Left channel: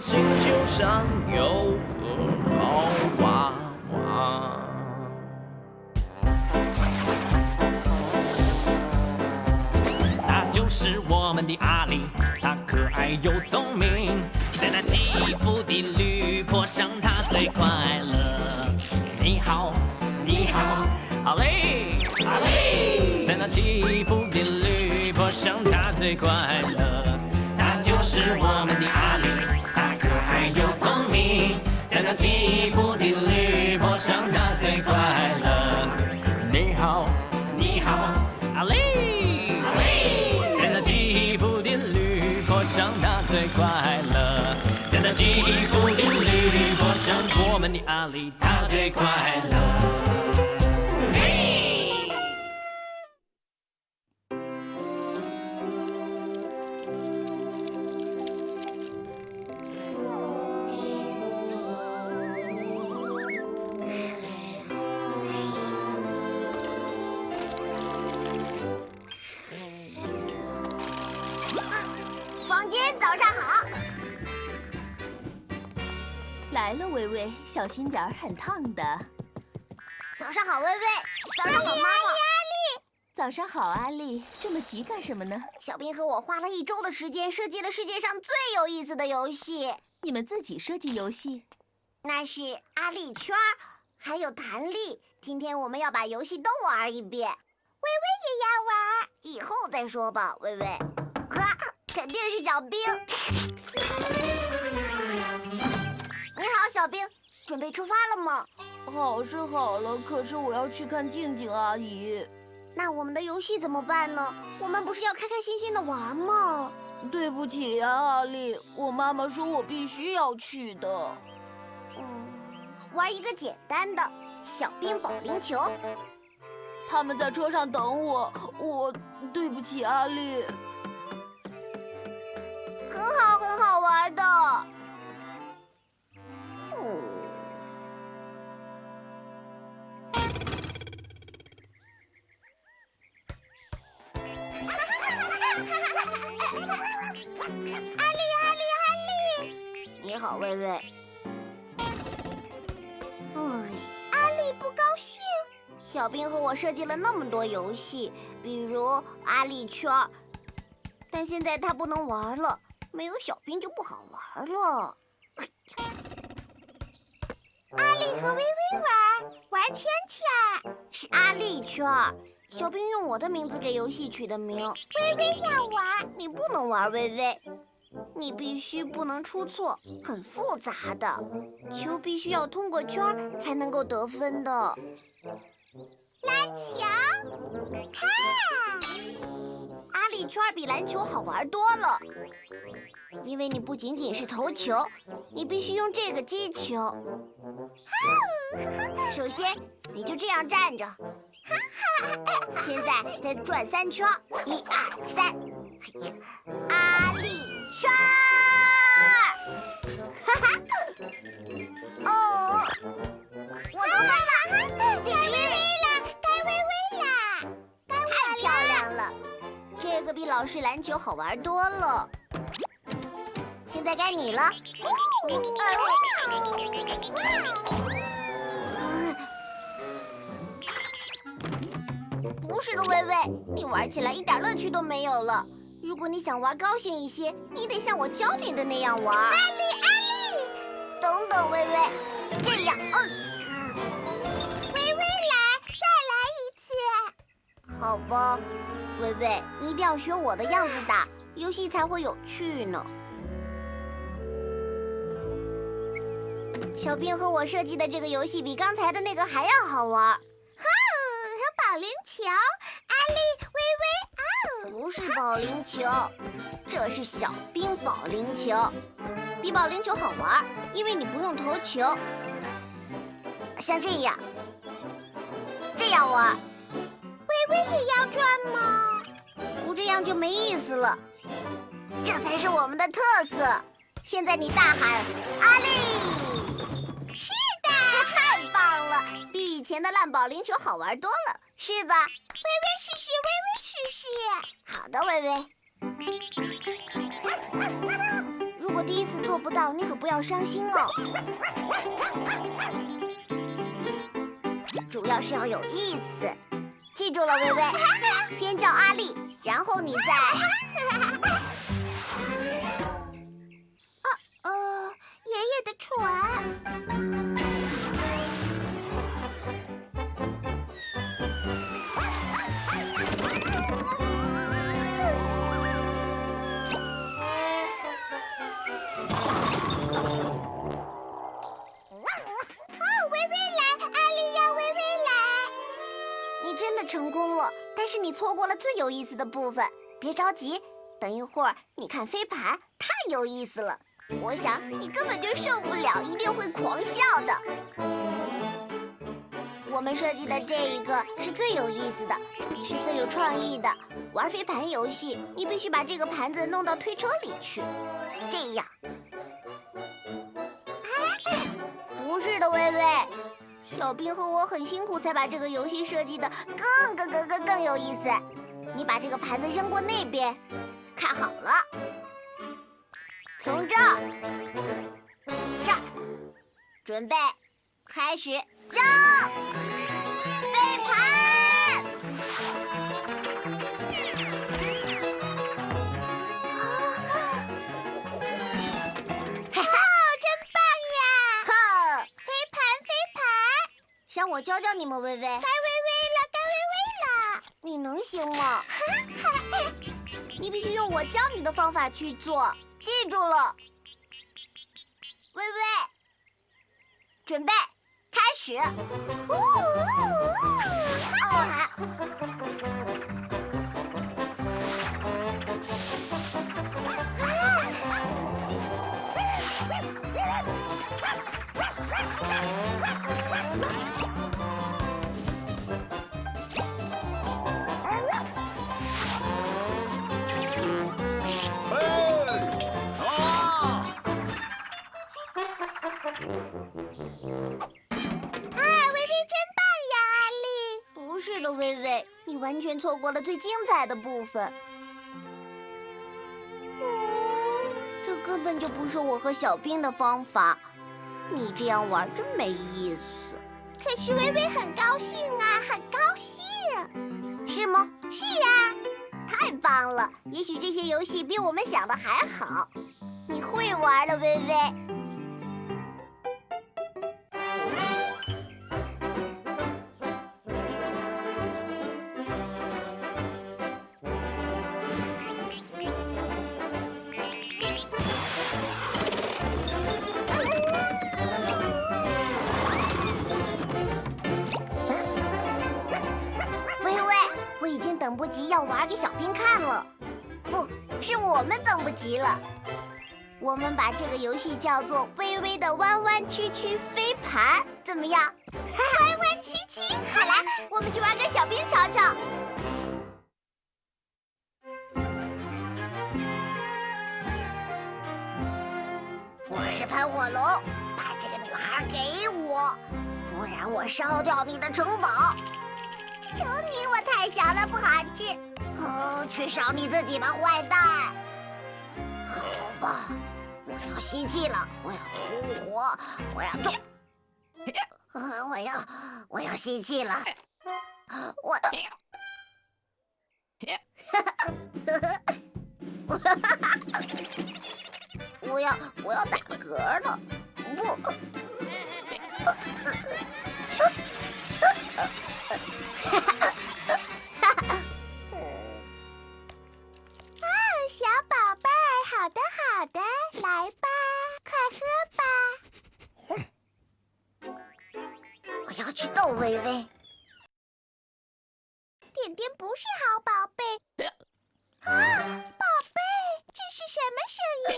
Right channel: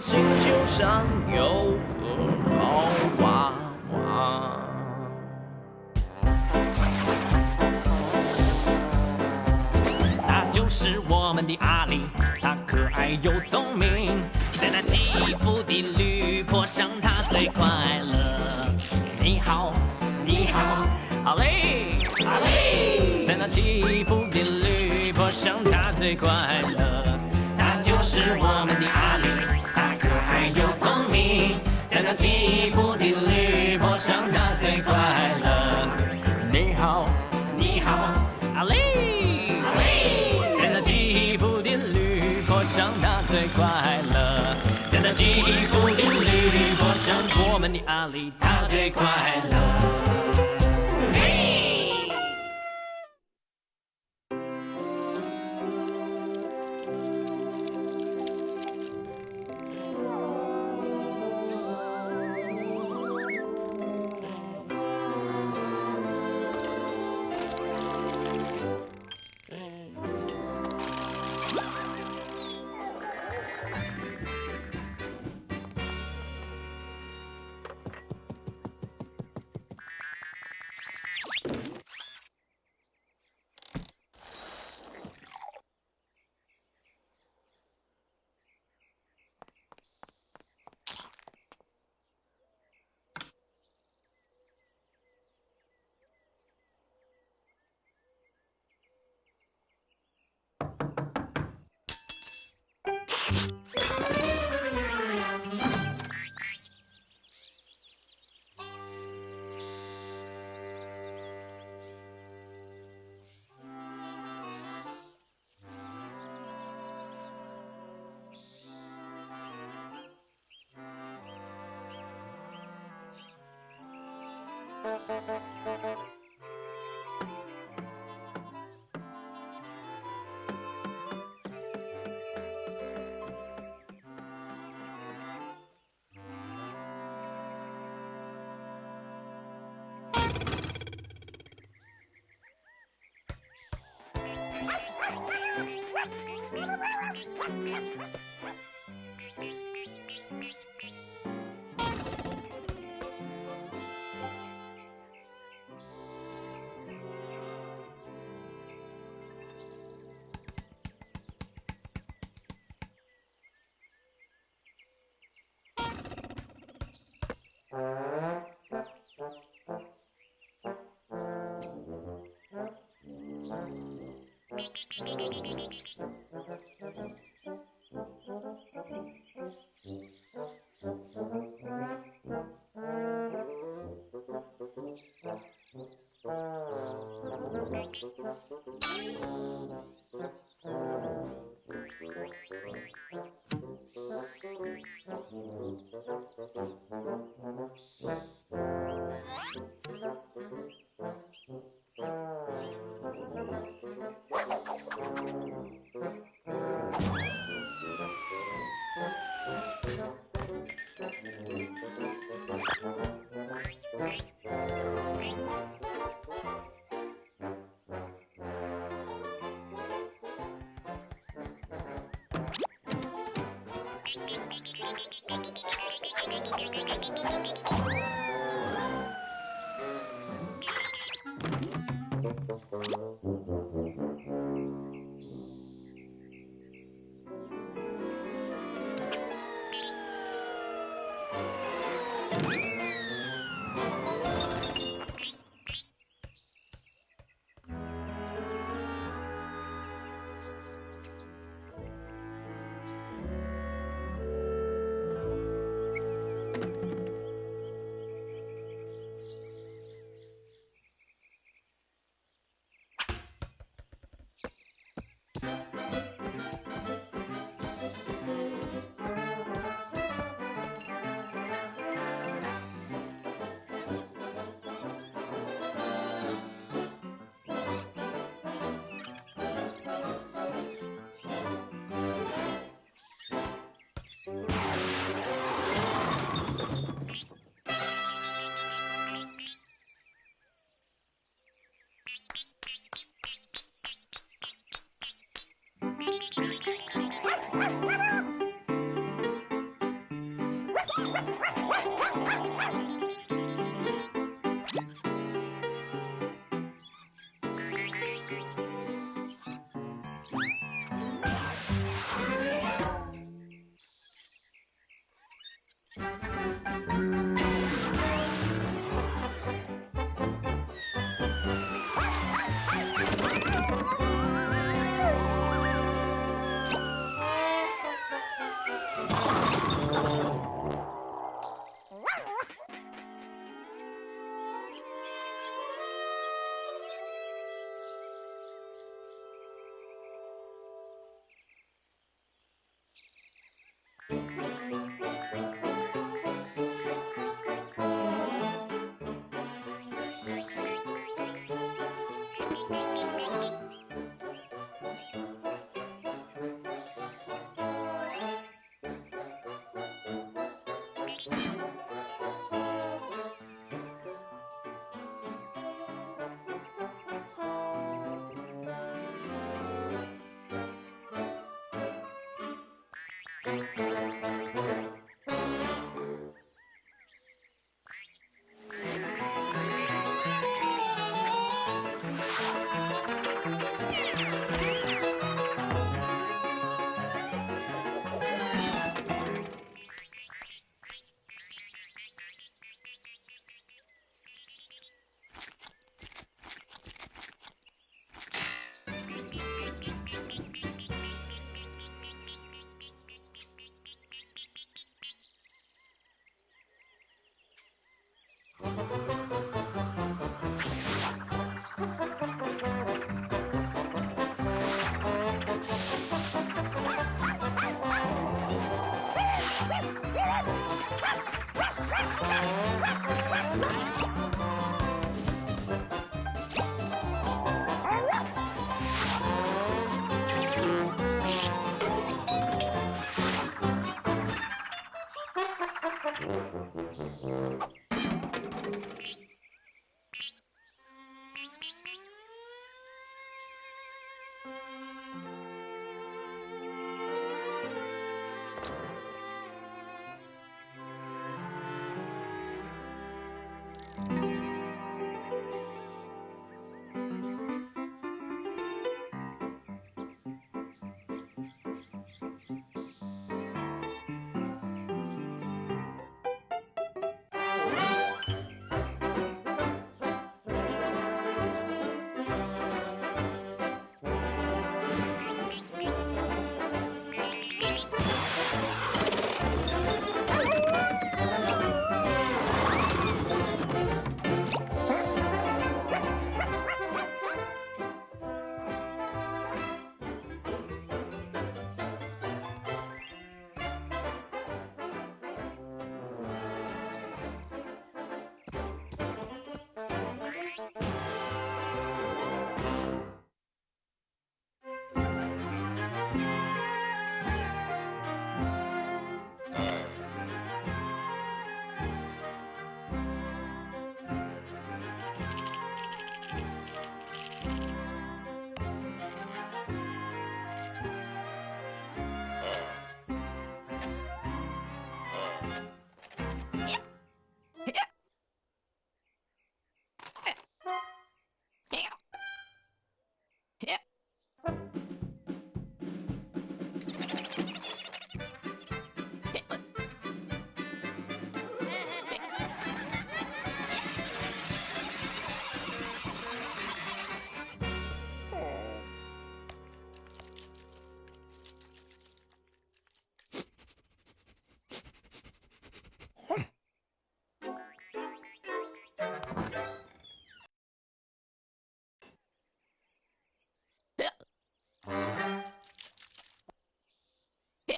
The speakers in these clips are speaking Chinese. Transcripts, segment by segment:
星球上有个好娃娃。他就是我们的阿里，他可爱又聪明，在那起伏的绿坡上，他最快乐。你好，你好，阿里，阿里，在那起伏的绿坡上，他最快乐。他就是我们的阿里，他可爱又聪明，在那起伏的绿坡上，他最快乐。你好，你好，阿里，阿里，在那起伏的绿坡上，他最快乐。在那起伏的绿坡上，我们的阿里，他最快乐。小心点儿，很烫的。早上好，微微。早上好，妈妈。阿丽。早上好，阿丽。这么急干什么呢？小兵和我花了1周的时间设计了世界上最有意思的游戏。你们自己设计游戏？那是阿丽圈，还有弹力。今天我们要把游戏都玩一遍。微微也要玩，以后再说吧，微微。哈，肯定是小兵。你好，小兵。准备出发了吗？好是好了，可是我要去看静静阿姨。那我们的游戏怎么办呢？我们不是要开开心心的玩吗？对不起呀，阿丽，我妈妈说我必须要去的。玩一个简单的小兵保龄球。他们在车上等我对不起阿丽。很好玩的。阿丽，你好，微微。阿丽不高兴。小兵和我设计了那么多游戏，比如阿丽圈，但现在他不能玩了，没有小兵就不好玩了。阿丽和微微玩圈圈，是阿丽圈。小兵用我的名字给游戏取的名。微微要玩，你不能玩，微微。你必须不能出错，很复杂的，球必须要通过圈才能够得分的。篮球，看，阿丽圈比篮球好玩多了，因为你不仅仅是投球，你必须用这个接球。首先，你就这样站着。现在再转3圈，1、2、3，阿丽圈！哦，我得分了，第1了，该微微啦，太漂亮了，这个比老式篮球好玩多了。现在该你了。不是的，微微，你玩起来一点乐趣都没有了。如果你想玩高兴一些，你得像我教你的那样玩。阿丽，等等，微微，这样，微微来，再来一次。好吧，微微，你一定要学我的样子打，游戏才会有趣呢。小兵和我设计的这个游戏比刚才的那个还要好玩。保龄球，阿丽，微微，不是保龄球，这是小兵保龄球，比保龄球好玩，因为你不用投球，像这样玩。微微也要转吗？不这样就没意思了，这才是我们的特色。现在你大喊阿丽。是的，太棒了，比以前的烂保龄球好玩多了。是吧？微微试试，微微试试。好的，微微。如果第一次做不到，你可不要伤心哦。主要是要有意思，记住了，微微，先叫阿丽，然后你再……爷爷的船。成功了，但是你错过了最有意思的部分。别着急，等一会儿你看飞盘，太有意思了。我想你根本就受不了，一定会狂笑的。我们设计的这一个是最有意思的，也是最有创意的。玩飞盘游戏，你必须把这个盘子弄到推车里去，这样。不是的，微微。小兵和我很辛苦才把这个游戏设计的更有意思。你把这个盘子扔过那边，看好了，从这儿，准备，开始，扔！飞盘！哈哈，真棒呀！呵，飞盘！想我教教你们，微微。该微微了，你能行吗？你必须用我教你的方法去做，记住了。微微，准备，开始。微微，你完全错过了最精彩的部分。这根本就不是我和小兵的方法，你这样玩真没意思。可是微微很高兴啊，很高兴。是吗？是啊，太棒了！也许这些游戏比我们想的还好。你会玩了，微微。我们等不及了，我们把这个游戏叫做“微微的弯弯曲曲飞盘”，怎么样？弯弯曲曲，好啦，我们去玩给小兵瞧瞧。我是喷火龙，把这个女孩给我，不然我烧掉你的城堡。求你，我太小了，不好吃。去烧你自己吧，坏蛋！好吧，我要吸气了，我要吐火，我要吸气了，我要打嗝了，不。小宝贝儿，好的好的，来吧，快喝吧。我要去逗微微。点点不是好宝贝。宝贝，这是什么声音？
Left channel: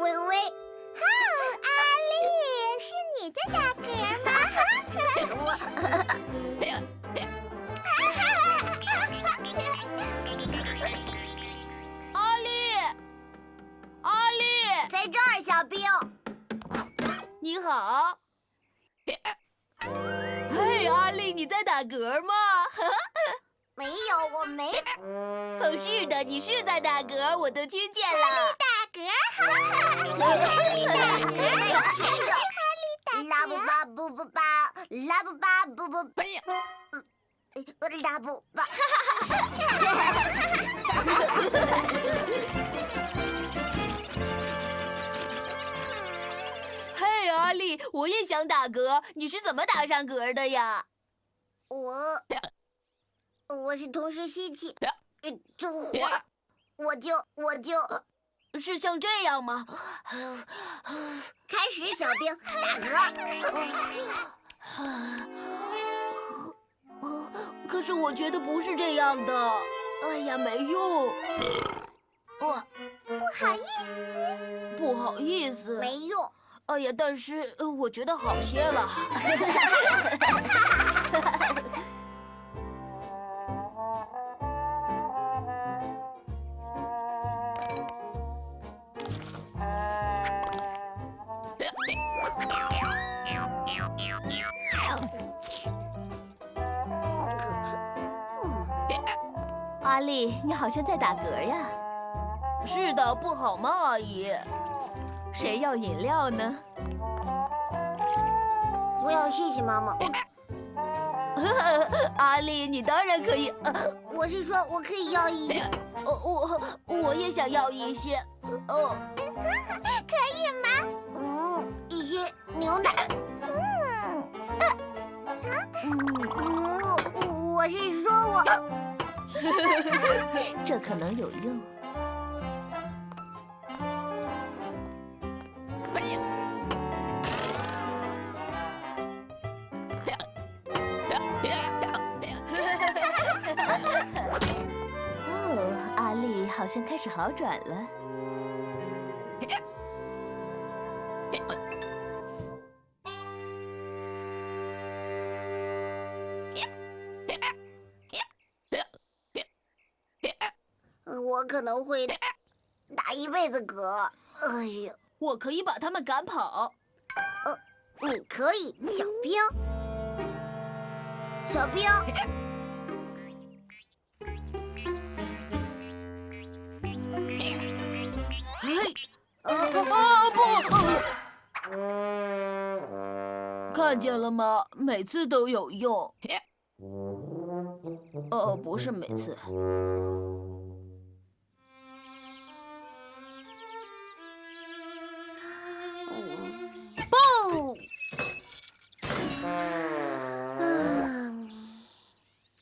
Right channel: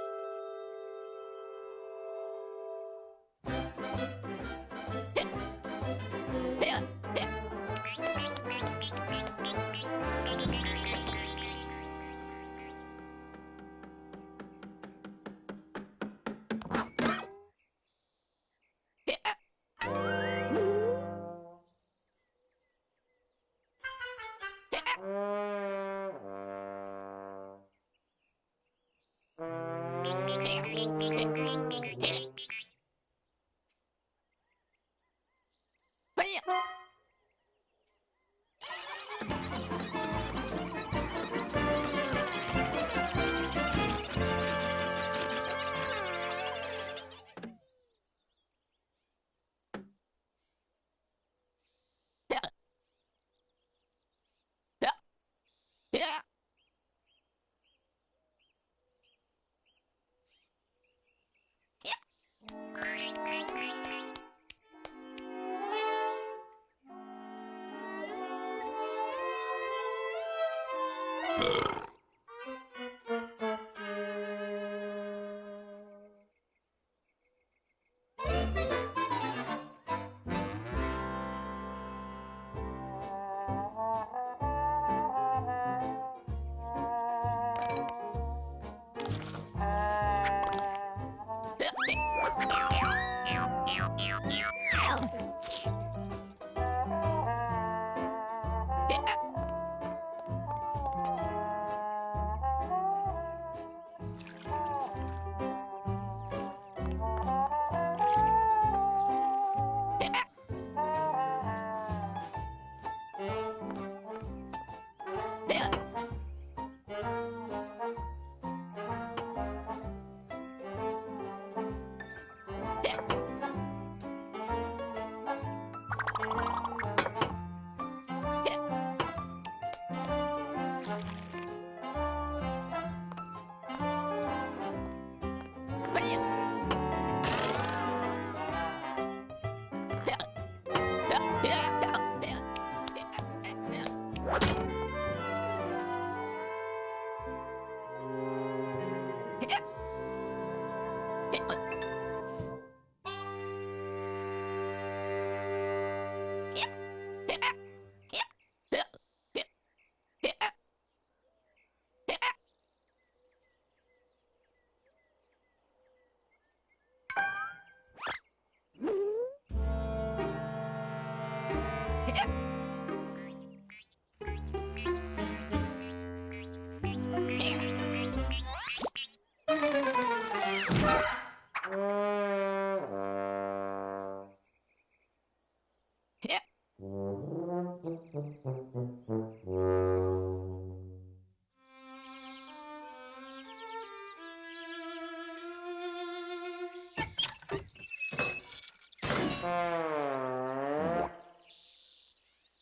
微微，阿丽，是你在打阿丽，阿丽，在这儿，小兵。你好。嘿，阿丽，你在打嗝吗？没有，我没哦，是的，你是在打嗝，我都听见了。拉布巴布布巴，拉布巴布布巴，拉布巴。嘿，阿丽，我也想打嗝，你是怎么打上嗝的呀？我是同时吸气，就火，我是像这样吗？开始，小兵打嗝。可是我觉得不是这样的。哎呀，没用。不好意思。没用。哎呀，但是我觉得好些了。阿丽，你好像在打嗝呀？是的，不好吗，阿姨？谁要饮料呢？我要谢谢妈妈。阿丽，你当然可以。我是说，我可以要一些。我也想要一些。可以吗？一些牛奶。我是说我。这可能有用。哦，阿丽好像开始好转了。我可能会打一辈子嗝。哎呀，我可以把他们赶跑。你可以，小兵。小兵。看见了吗？每次都有用。不是每次。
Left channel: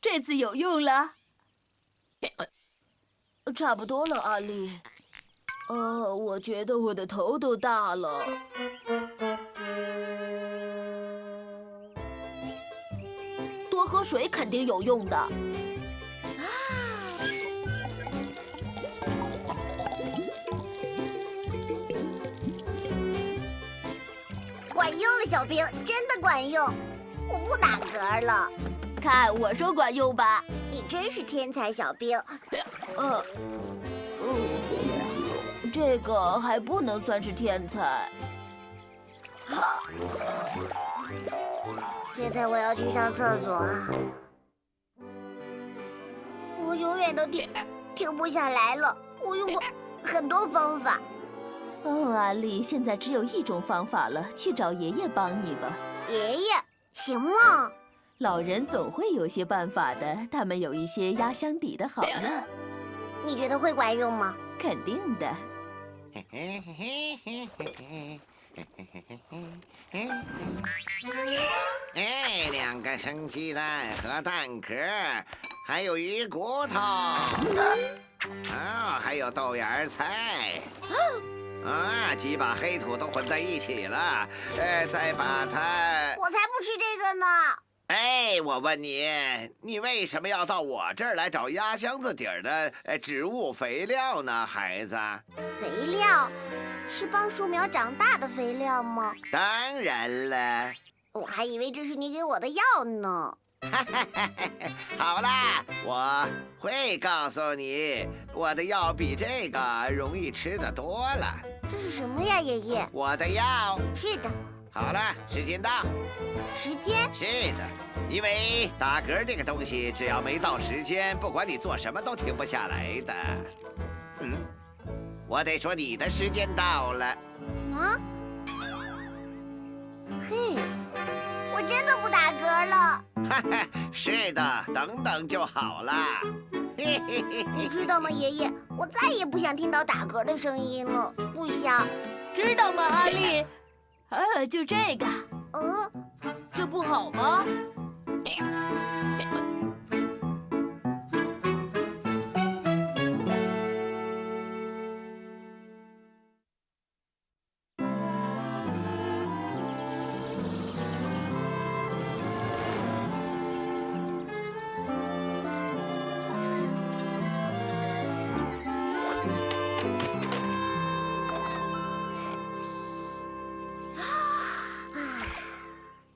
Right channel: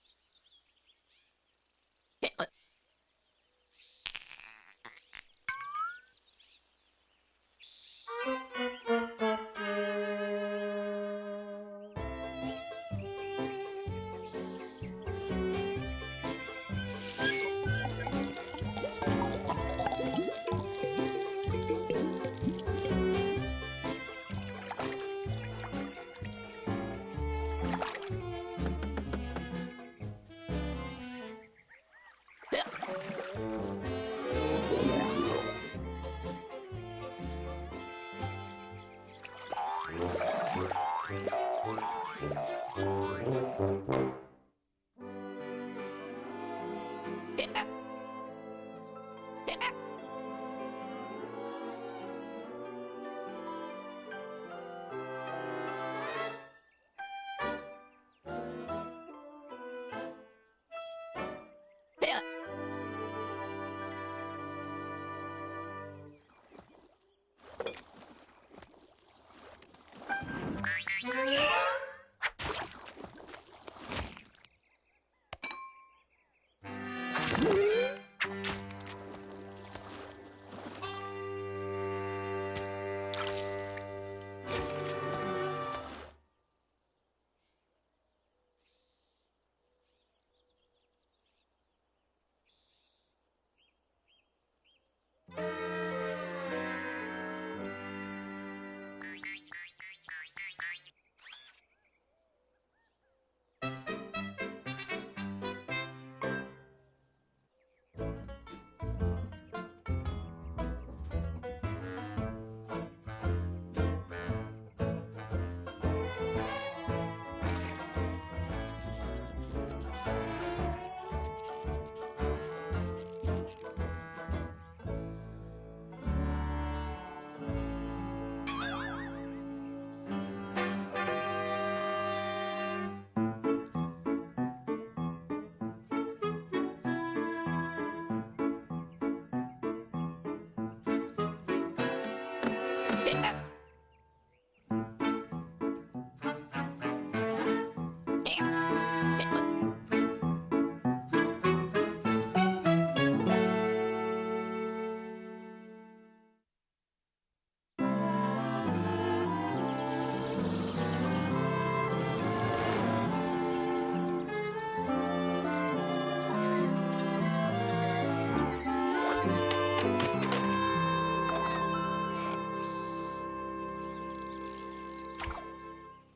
这次有用了。差不多了，阿丽。我觉得我的头都大了。多喝水肯定有用的。管用了，小兵，真的管用。我不打嗝了。看，我说管用吧。你真是天才，小兵。这个还不能算是天才。现在我要去上厕所。我永远都停不下来了。我用过很多方法。哦，阿丽，现在只有一种方法了，去找爷爷帮你吧。爷爷，行吗？老人总会有些办法的，他们有一些压箱底的好药。你觉得会管用吗？肯定的。哎，2个生鸡蛋和蛋壳，还有鱼骨头，还有豆芽菜，几把黑土都混在一起了，再把它……我才不吃这个呢！哎，我问你，你为什么要到我这儿来找压箱子底儿的植物肥料呢，孩子？肥料是帮树苗长大的肥料吗？当然了。我还以为这是你给我的药呢。好啦，我会告诉你，我的药比这个容易吃的多了。这是什么呀，爷爷？我的药。是的。好了，时间到。时间？是的，因为打嗝这个东西，只要没到时间，不管你做什么都停不下来的。我得说你的时间到了。啊？嘿，我真的不打嗝了。哈哈，是的，等等就好了。嘿嘿嘿嘿，你知道吗，爷爷？我再也不想听到打嗝的声音了，不想。知道吗，阿丽？就这个，这不好吗？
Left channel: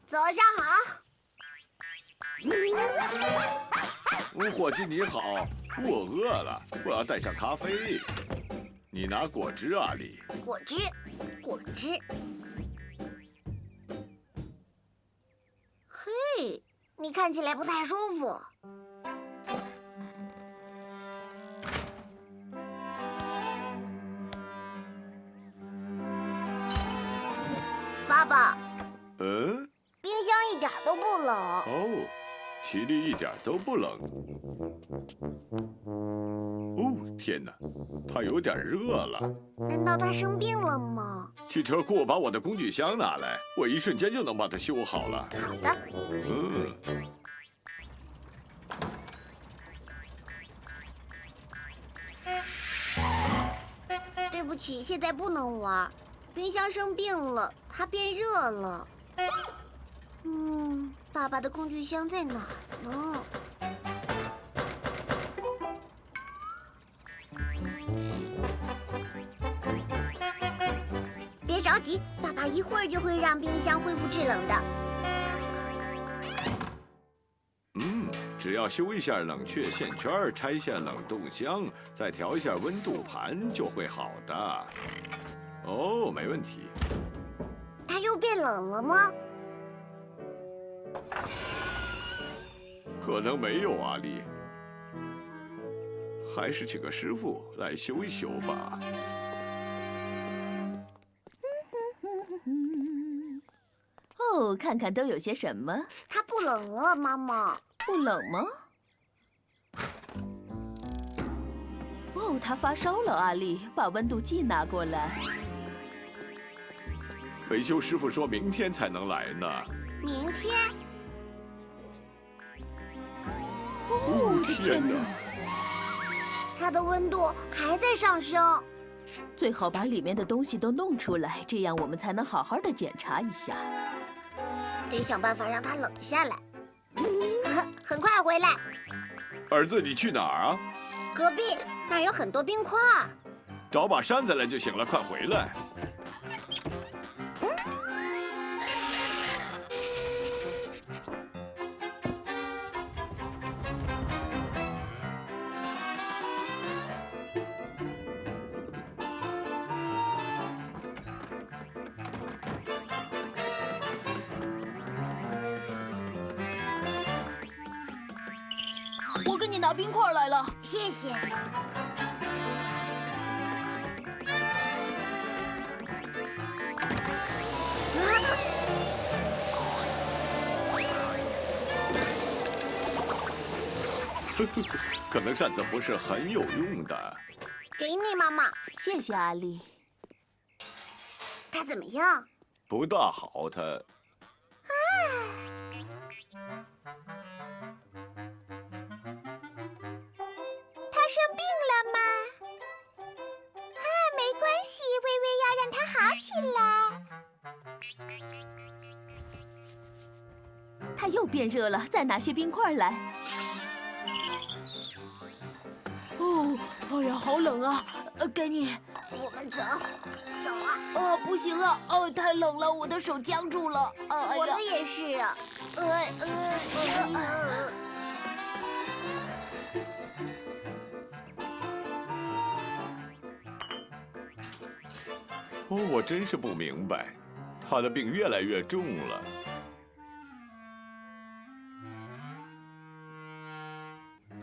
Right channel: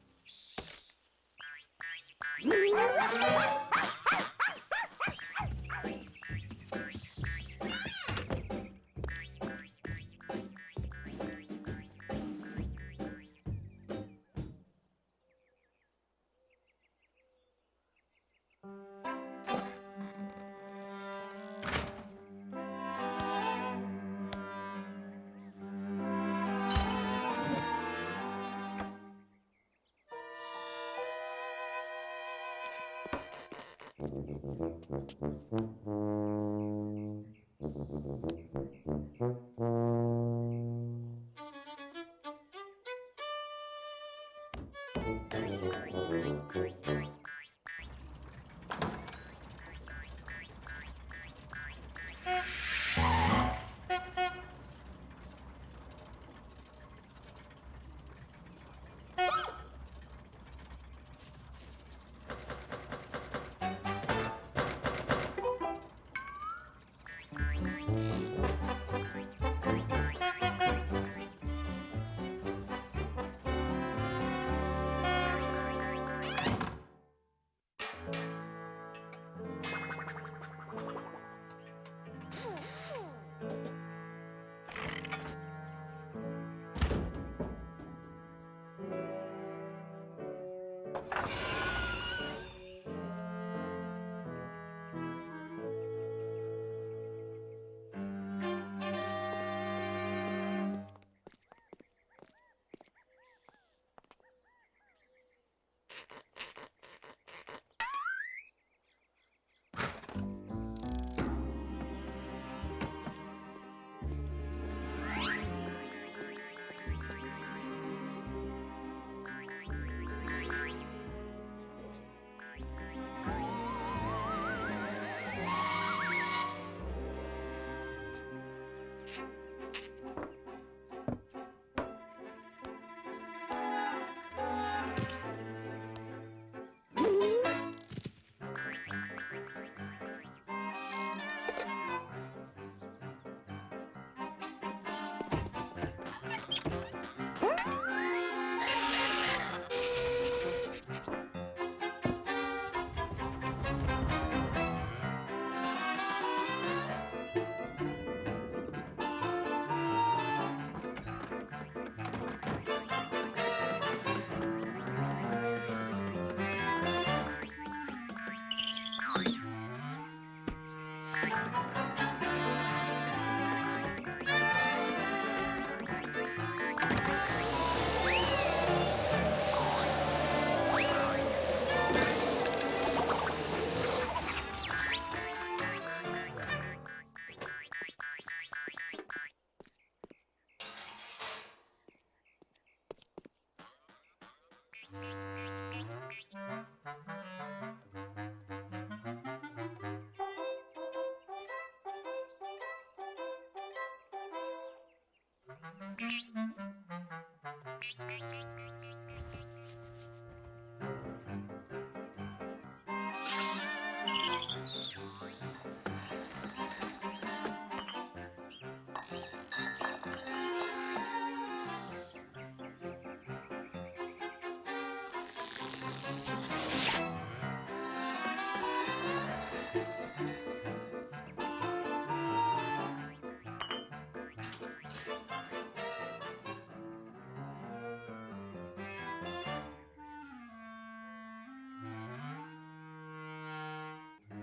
早上好。伙计你好，我饿了，我要带上咖啡。你拿果汁，阿丽。果汁，果汁。嘿，你看起来不太舒服。爸爸。冰箱一点都不冷。哦，奇丽一点都不冷。哦，天哪，它有点热了。难道它生病了吗？汽车库把我的工具箱拿来，我一瞬间就能把它修好了。好的。对不起，现在不能玩。冰箱生病了，它变热了。爸爸的工具箱在哪儿呢？别着急，爸爸一会儿就会让冰箱恢复制冷的。只要修一下冷却线圈，拆下冷冻箱，再调一下温度盘，就会好的。哦，没问题。它又变冷了吗？可能没有，阿丽。还是请个师傅来修一修吧。哦，看看都有些什么？它不冷了，妈妈。不冷吗？哦，他发烧了，阿丽，把温度计拿过来。维修师傅说明天才能来呢。明天？哦，天哪！它的温度还在上升。最好把里面的东西都弄出来，这样我们才能好好的检查一下。得想办法让它冷下来。很快回来。儿子，你去哪儿啊？隔壁那儿有很多冰块。找把扇子来就行了，快回来。我给你拿冰块来了，谢谢。可能扇子不是很有用的。给你，妈妈。谢谢阿丽。它怎么样？不大好，它。他生病了吗？没关系，微微要让他好起来。它又变热了，再拿些冰块来。哦，哎呀，好冷啊！给你。我们走啊！不行啊，太冷了，我的手僵住了。我的也是啊。我真是不明白，他的病越来越重了。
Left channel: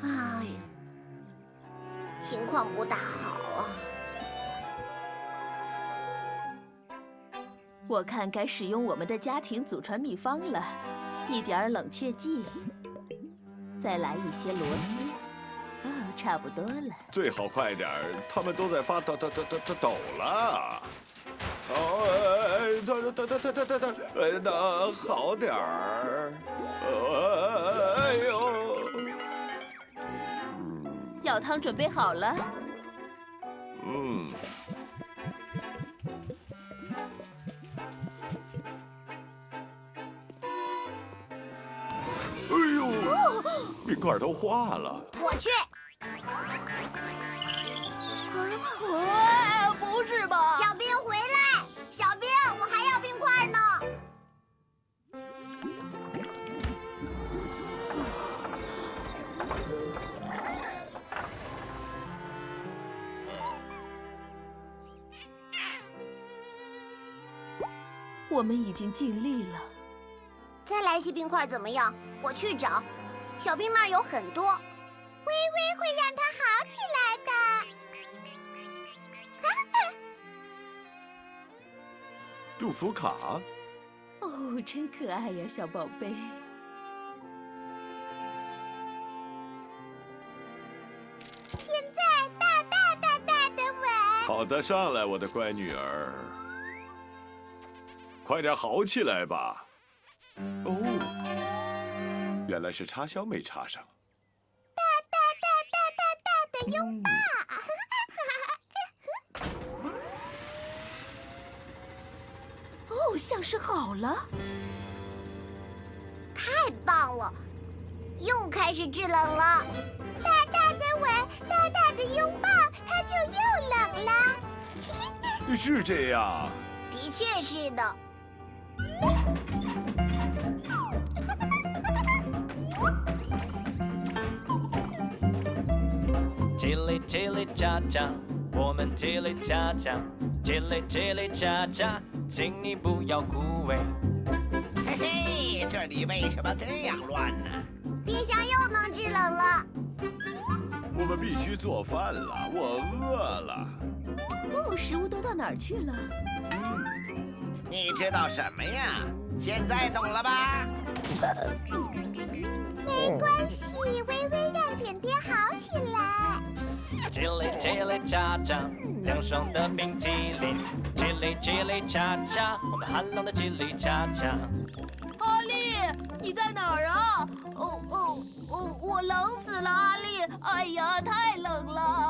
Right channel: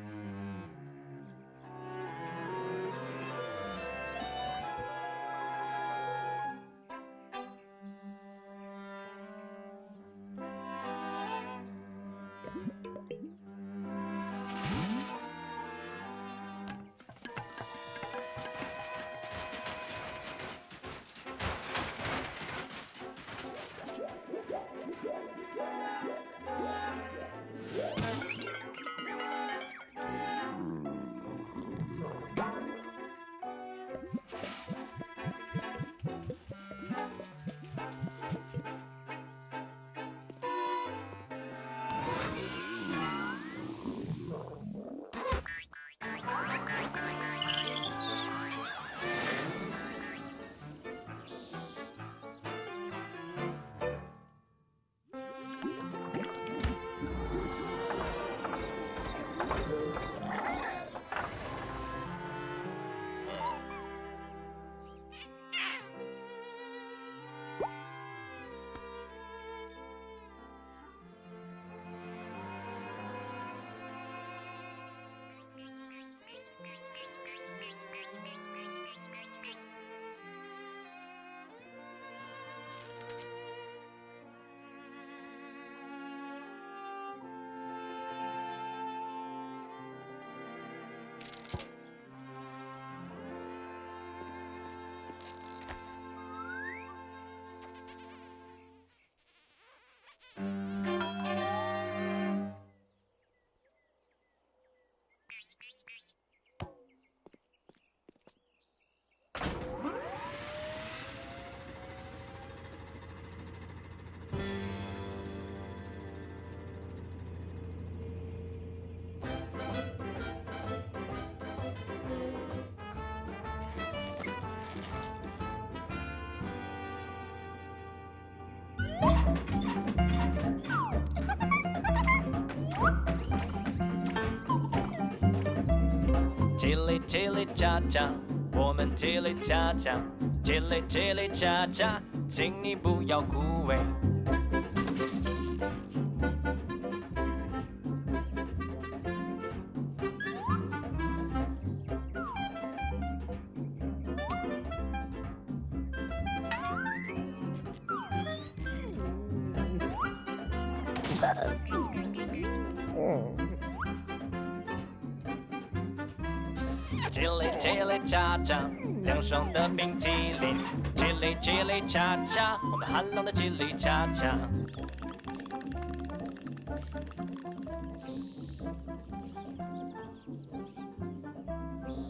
哎，情况不大好啊。我看该使用我们的家庭祖传秘方了，一点冷却剂，再来一些螺丝，差不多了。最好快点儿，他们都在发抖了。那好点儿。哎呦！药汤准备好了。哎呦，冰块都化了。我去。不是吧？小兵回来！小兵，我还要冰块呢。我们已经尽力了。再来些冰块怎么样？我去找。小兵那儿有很多。微微会让它好起来的。祝福卡。哦，真可爱呀，小宝贝。现在大的吻。好的，上来，我的乖女儿。快点好起来吧。哦，原来是插销没插上。大的拥抱。哦，像是好了。太棒了，又开始制冷了。大的吻，大的拥抱，它就又冷了。是这样。的确是的。叽里叽里喳喳，我们叽里喳喳，叽里叽里喳喳，请你不要枯萎。嘿嘿，这里为什么这样乱呢？冰箱又能制冷了。我们必须做饭了，我饿了。哦，食物都到哪儿去了？你知道什么呀？现在懂了吧？没关系，微微让点点好起来。叽里叽里喳喳，凉爽的冰淇淋。叽里叽里喳喳，我们寒冷的叽里喳喳。阿丽，你在哪儿啊？我冷死了，阿丽！哎呀，太冷了。